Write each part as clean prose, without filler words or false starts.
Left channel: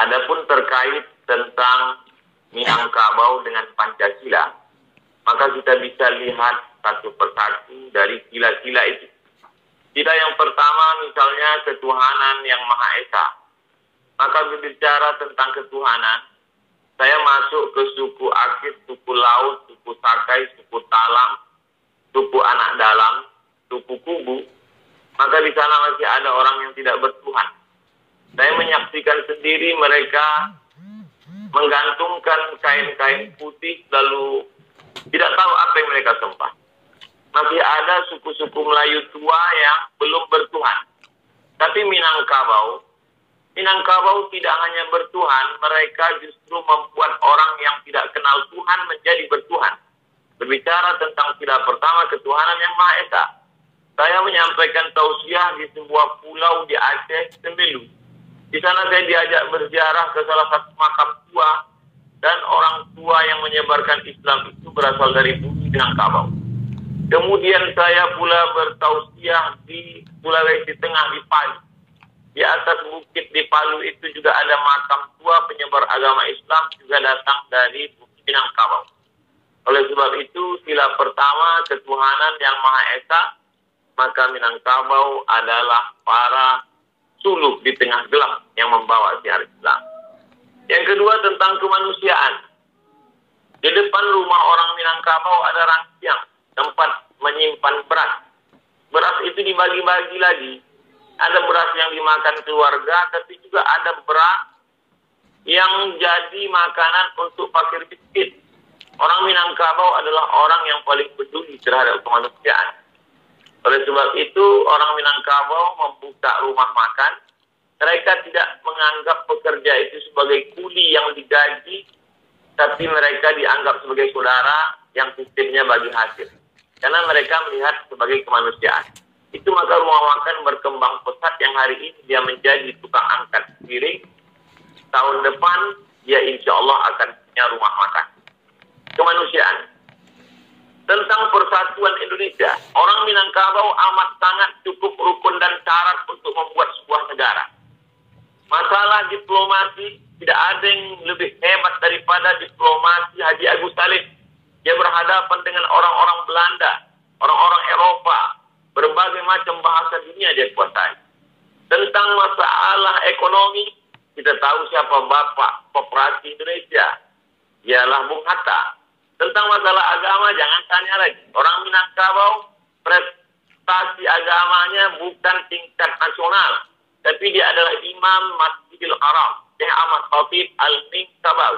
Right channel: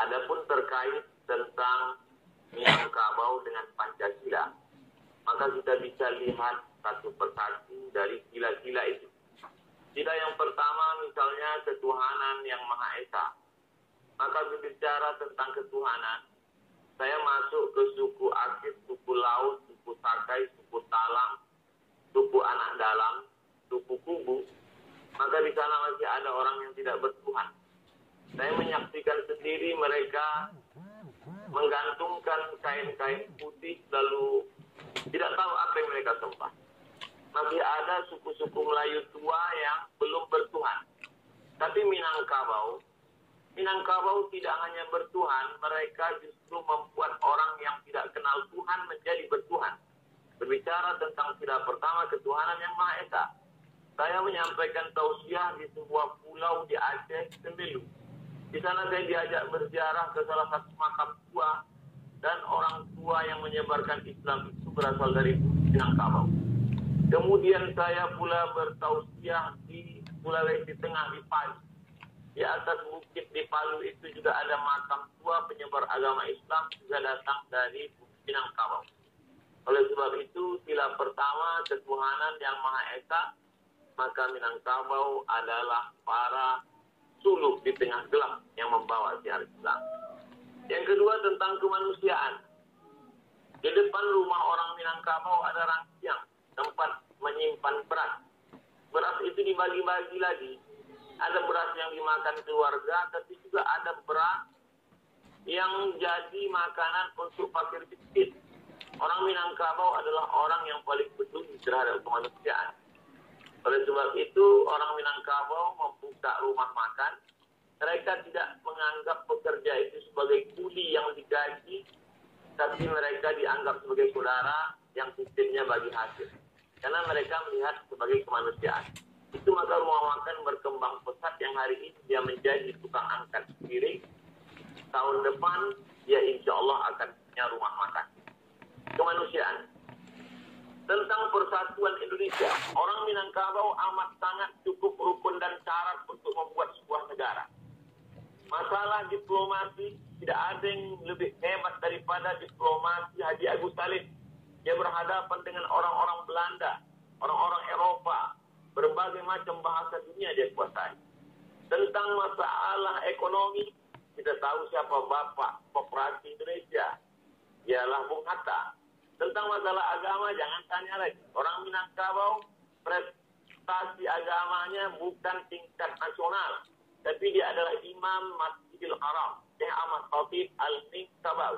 Adapun terkait tentang Minangkabau dengan Pancasila, maka kita bisa lihat satu persatu dari sila-sila itu. Sila yang pertama misalnya ketuhanan yang Maha Esa. Maka berbicara tentang ketuhanan, saya masuk ke suku Akit, suku Laut, suku Sakai, suku Talam, suku Anak Dalam, suku Kubu. Maka di sana masih ada orang yang tidak bertuhan. Saya menyaksikan sendiri mereka menggantungkan kain-kain putih lalu tidak tahu apa yang mereka sembah. Masih ada suku-suku Melayu tua yang belum bertuhan. Tapi Minangkabau tidak hanya bertuhan, mereka justru membuat orang yang tidak kenal Tuhan menjadi bertuhan. Berbicara tentang sila pertama ketuhanan yang Maha Esa. Saya menyampaikan tausiah di sebuah pulau di Aceh, Semelu. Di sana saya diajak berziarah ke salah satu makam tua, dan orang tua yang menyebarkan Islam itu berasal dari bumi Minangkabau. Kemudian saya pula bertausiah di Sulawesi Tengah di Palu. Di atas bukit di Palu itu juga ada makam tua penyebar agama Islam juga datang dari bumi Minangkabau. Oleh sebab itu sila pertama ketuhanan yang Maha Esa, maka Minangkabau adalah para suluk di tengah gelap yang membawa siar Islam. Yang kedua tentang kemanusiaan. Di depan rumah orang Minangkabau ada rangsiang, tempat menyimpan beras. Beras itu dibagi-bagi lagi. Ada beras yang dimakan keluarga, tapi juga ada beras yang jadi makanan untuk fakir miskin. Orang Minangkabau adalah orang yang paling peduli terhadap kemanusiaan. Oleh sebab itu, orang Minangkabau membuka rumah makan. Mereka tidak menganggap pekerja itu sebagai kuli yang digaji, tapi mereka dianggap sebagai saudara yang sistemnya bagi hasil. Karena mereka melihat sebagai kemanusiaan. Itu maka rumah makan berkembang pesat yang hari ini dia menjadi tukang angkat piring. Tahun depan dia insya Allah akan punya rumah makan. Kemanusiaan. Tentang persatuan Indonesia, orang Minangkabau amat sangat cukup rukun dan syarat untuk membuat sebuah negara. Masalah diplomasi, tidak ada yang lebih hebat daripada diplomasi Haji Agus Salim. Dia berhadapan dengan orang-orang Belanda, orang-orang Eropa, berbagai macam bahasa dunia dia kuasai. Tentang masalah ekonomi, kita tahu siapa Bapak Koperasi Indonesia, ialah Bung Hatta. Tentang masalah agama, jangan tanya lagi. Orang Minangkabau, prestasi agamanya bukan tingkat nasional, tapi dia adalah Imam Masjidil Haram, Syekh Ahmad Khatib Al-Minangkabau.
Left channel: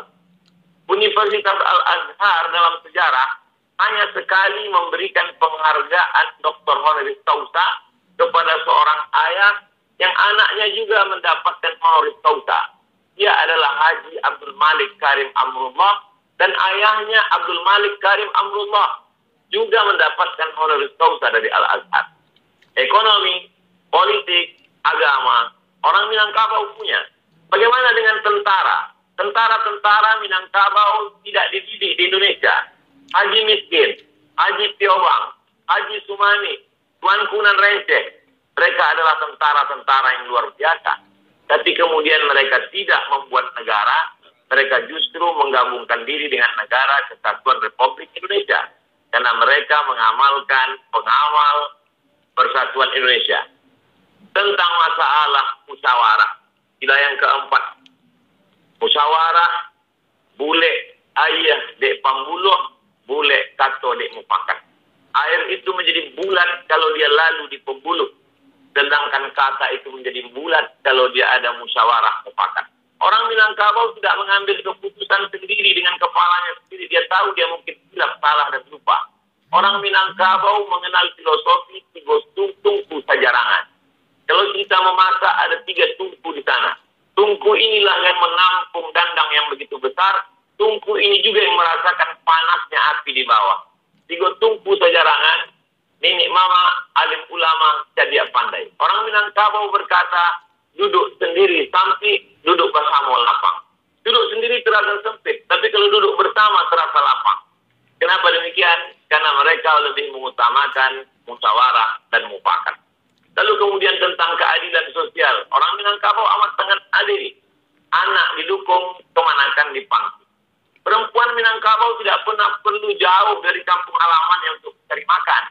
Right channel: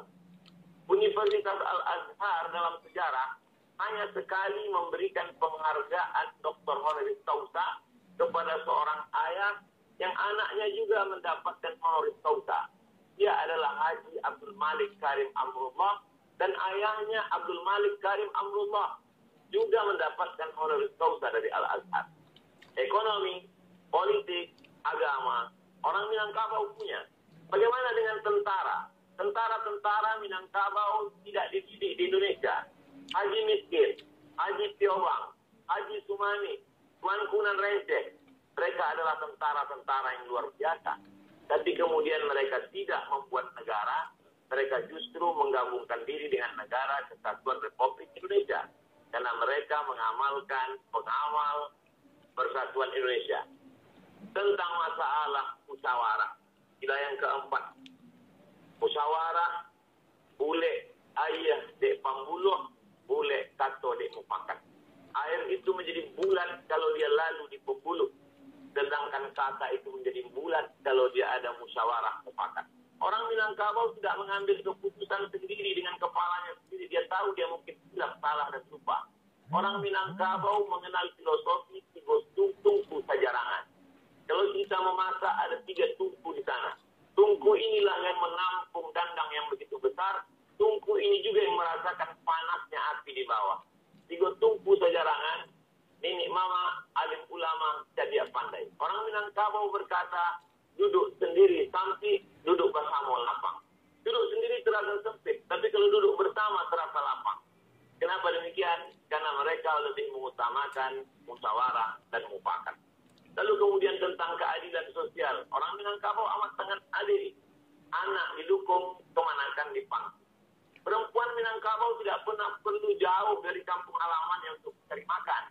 Universitas Al-Azhar dalam sejarah hanya sekali memberikan penghargaan Dr. Honoris Causa kepada seorang ayah yang anaknya juga mendapatkan honoris causa. Dia adalah Haji Abdul Malik Karim Amrullah, dan ayahnya Abdul Malik Karim Amrullah juga mendapatkan honoris causa dari Al-Azhar. Ekonomi, politik, agama, orang Minangkabau punya. Bagaimana dengan tentara? Tentara-tentara Minangkabau tidak dididik di Indonesia. Haji Miskin, Haji Tiobang, Haji Sumani, Tuan Kunan Renceh. Mereka adalah tentara-tentara yang luar biasa. Tapi kemudian mereka tidak membuat negara. Mereka justru menggabungkan diri dengan negara Kesatuan Republik Indonesia. Karena mereka mengamalkan pengawal Persatuan Indonesia. Tentang masalah musyawarah. Sila yang keempat. Musyawarah, bule ayah dek pambuluh, bule kato dek mufakat. Air itu menjadi bulat kalau dia lalu di pembuluh. Sedangkan kata itu menjadi bulat kalau dia ada musyawarah mufakat. Orang Minangkabau tidak mengambil keputusan sendiri dengan kepalanya sendiri. Dia tahu dia mungkin silap, salah, dan lupa. Orang Minangkabau mengenal filosofi tiga tungku sajarangan. Kalau kita memasak ada 3 tungku di sana. Tungku inilah yang menampung dandang yang begitu besar. Tungku ini juga yang merasakan panasnya api di bawah. 3 tungku sajarangan. Nenek mama, alim ulama, jadi pandai. Orang Minangkabau berkata, duduk sendiri sampai duduk bersama lapang. Duduk sendiri terasa sempit, tapi kalau duduk bersama terasa lapang. Kenapa demikian? Karena mereka lebih mengutamakan musyawarah dan mufakat. Lalu kemudian tentang keadilan sosial. Orang Minangkabau amat sangat adil. Anak mendukung kemanakan di pangsi. Perempuan Minangkabau tidak pernah perlu jauh dari kampung halamannya untuk mencari makan.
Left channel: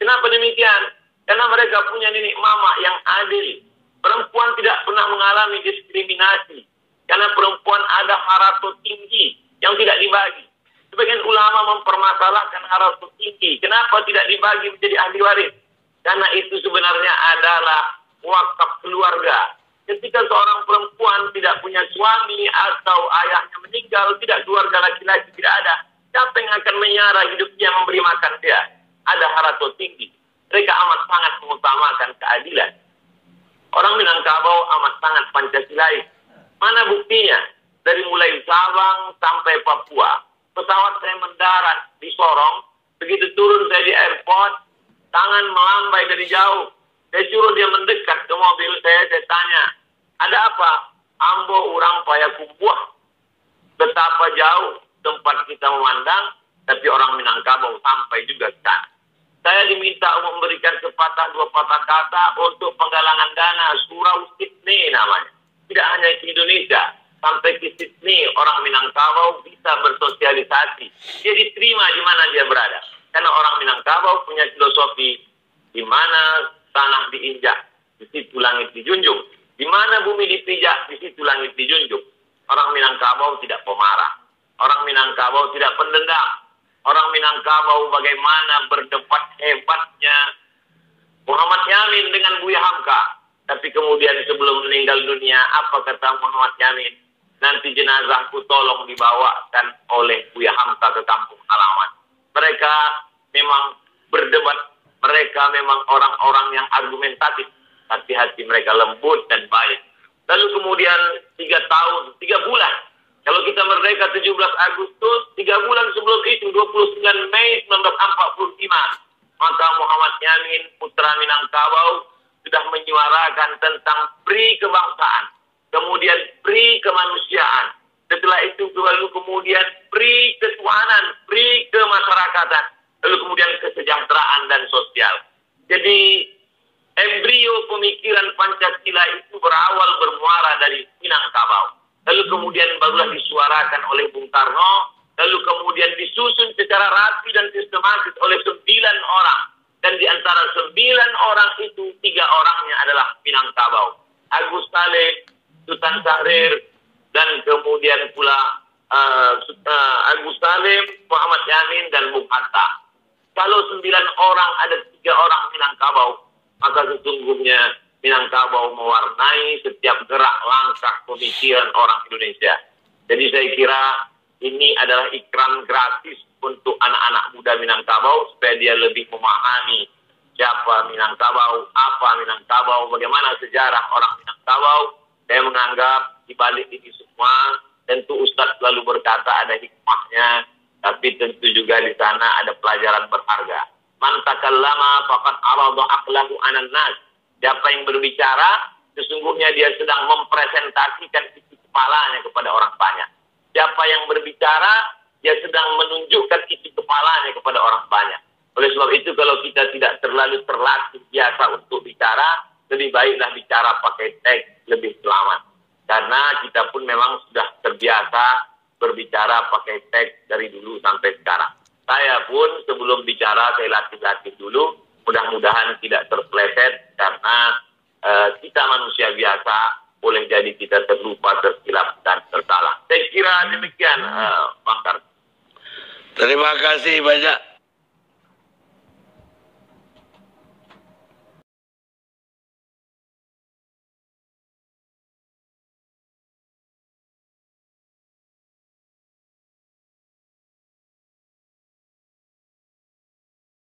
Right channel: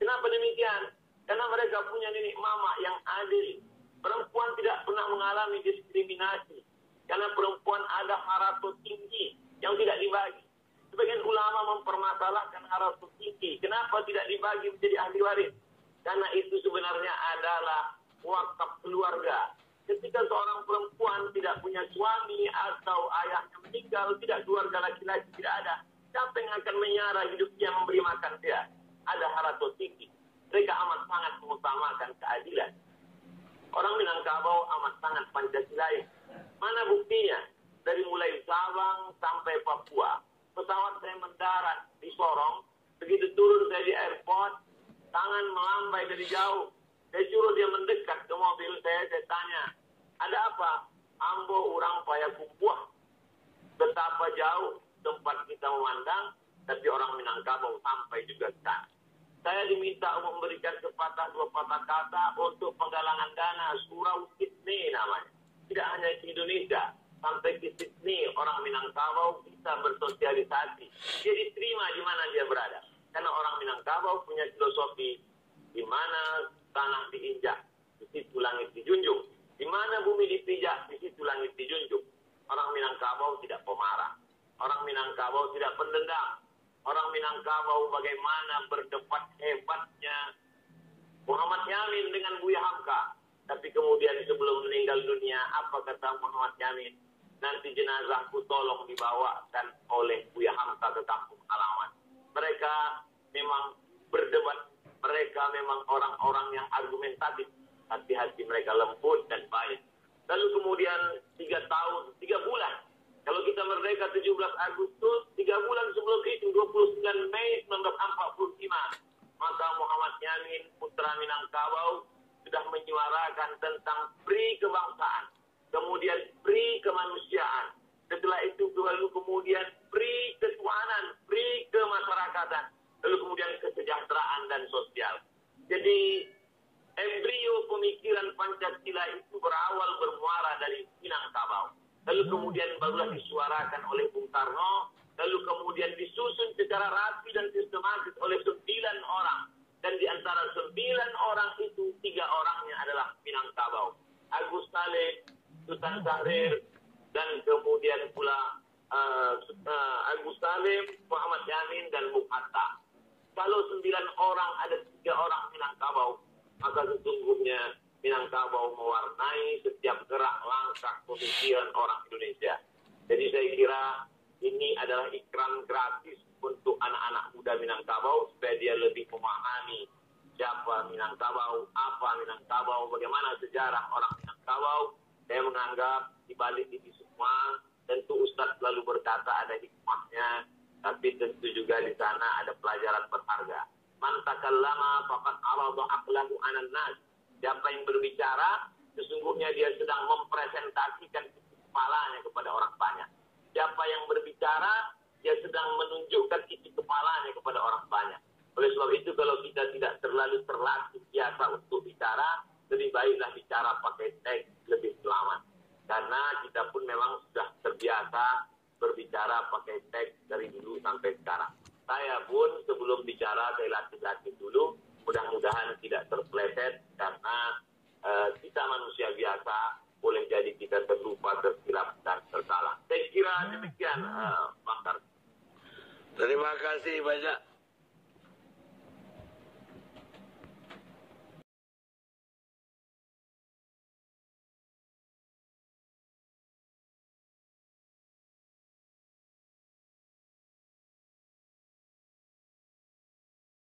Kenapa demikian? Karena mereka punya nenek mama yang adil. Perempuan tidak pernah mengalami diskriminasi. Karena perempuan ada harato tinggi yang tidak dibagi. Sebagian ulama mempermasalahkan harato tinggi. Kenapa tidak dibagi menjadi ahli waris? Karena itu sebenarnya adalah wakaf keluarga. Ketika seorang perempuan tidak punya suami atau ayahnya meninggal, tidak keluarga laki-laki tidak ada. Siapa yang akan menyara hidupnya memberi makan dia? Ada harato tinggi. Mereka amat sangat mengutamakan keadilan. Orang Minangkabau amat sangat Pancasilais. Mana buktinya? Dari mulai Sabang sampai Papua. Pesawat saya mendarat di Sorong. Begitu turun saya di airport, tangan melambai dari jauh. Saya suruh dia mendekat ke mobil saya tanya, ada apa? Ambo urang Payakumbuh. Betapa jauh tempat kita memandang, tapi orang Minangkabau sampai juga ke sana. Saya diminta untuk memberikan sepatah dua patah kata untuk penggalangan dana Surau Sydney namanya. Tidak hanya ke Indonesia, sampai ke Sydney orang Minangkabau bisa bersosialisasi. Dia diterima di mana dia berada. Karena orang Minangkabau punya filosofi di mana tanah diinjak, di situ langit dijunjung. Di mana bumi dipijak, di situ langit dijunjung. Orang Minangkabau tidak pemarah. Orang Minangkabau tidak pendendam. Orang Minangkabau bagaimana berdebat hebatnya Muhammad Yamin dengan Buya Hamka. Tapi kemudian sebelum meninggal dunia, apa kata Muhammad Yamin? Nanti jenazahku tolong dibawakan oleh Buya Hamka ke kampung halaman. Mereka memang berdebat. Mereka memang orang-orang yang argumentatif. Tapi hati mereka lembut dan baik. Lalu kemudian 3 bulan. Kalau kita merdeka 17 Agustus, 3 bulan sebelum itu, 29 Mei 1945. Maka Muhammad Yamin, putra Minangkabau, sudah menyuarakan tentang pri kebangsaan. Kemudian pri kemanusiaan. Setelah itu lalu kemudian pri ketuhanan, pri kemasyarakatan. Lalu kemudian kesejahteraan dan sosial. Jadi embrio pemikiran Pancasila itu berawal bermuara dari Minangkabau. Lalu kemudian barulah disuarakan oleh Bung Karno. Lalu kemudian disusun secara rapi dan sistematis oleh 9 orang. Dan di antara 9 orang itu 3 orangnya adalah Minangkabau. Agus Salim, Sultan Syahrir, dan kemudian pula Agus Salim, Muhammad Yamin, dan Bung Hatta. Kalau 9 orang ada 3 orang Minangkabau, maka sesungguhnya Minangkabau mewarnai setiap gerak langkah pemikiran orang Indonesia. Jadi saya kira ini adalah ikram gratis untuk anak-anak muda Minangkabau supaya dia lebih memahami siapa Minangkabau, apa Minangkabau, bagaimana sejarah orang Minangkabau. Saya menganggap di balik ini semua tentu Ustadz selalu berkata ada hikmahnya, tapi tentu juga di sana ada pelajaran berharga. Man takallama faqad arada aqlahu 'alan nas. Siapa yang berbicara, sesungguhnya dia sedang mempresentasikan isi kepalanya kepada orang banyak. Siapa yang berbicara, dia sedang menunjukkan isi kepalanya kepada orang banyak. Oleh sebab itu, kalau kita tidak terlalu terlatih biasa untuk bicara, lebih baiklah bicara pakai teks, lebih selamat. Karena kita pun memang sudah terbiasa berbicara pakai teks dari dulu sampai sekarang. Saya pun sebelum bicara, saya latih-latih dulu. Mudah-mudahan tidak terpleset karena kita manusia biasa, boleh jadi kita terlupa, tersilap, dan tersalah. Saya kira demikian, Bang Karno. Terima kasih banyak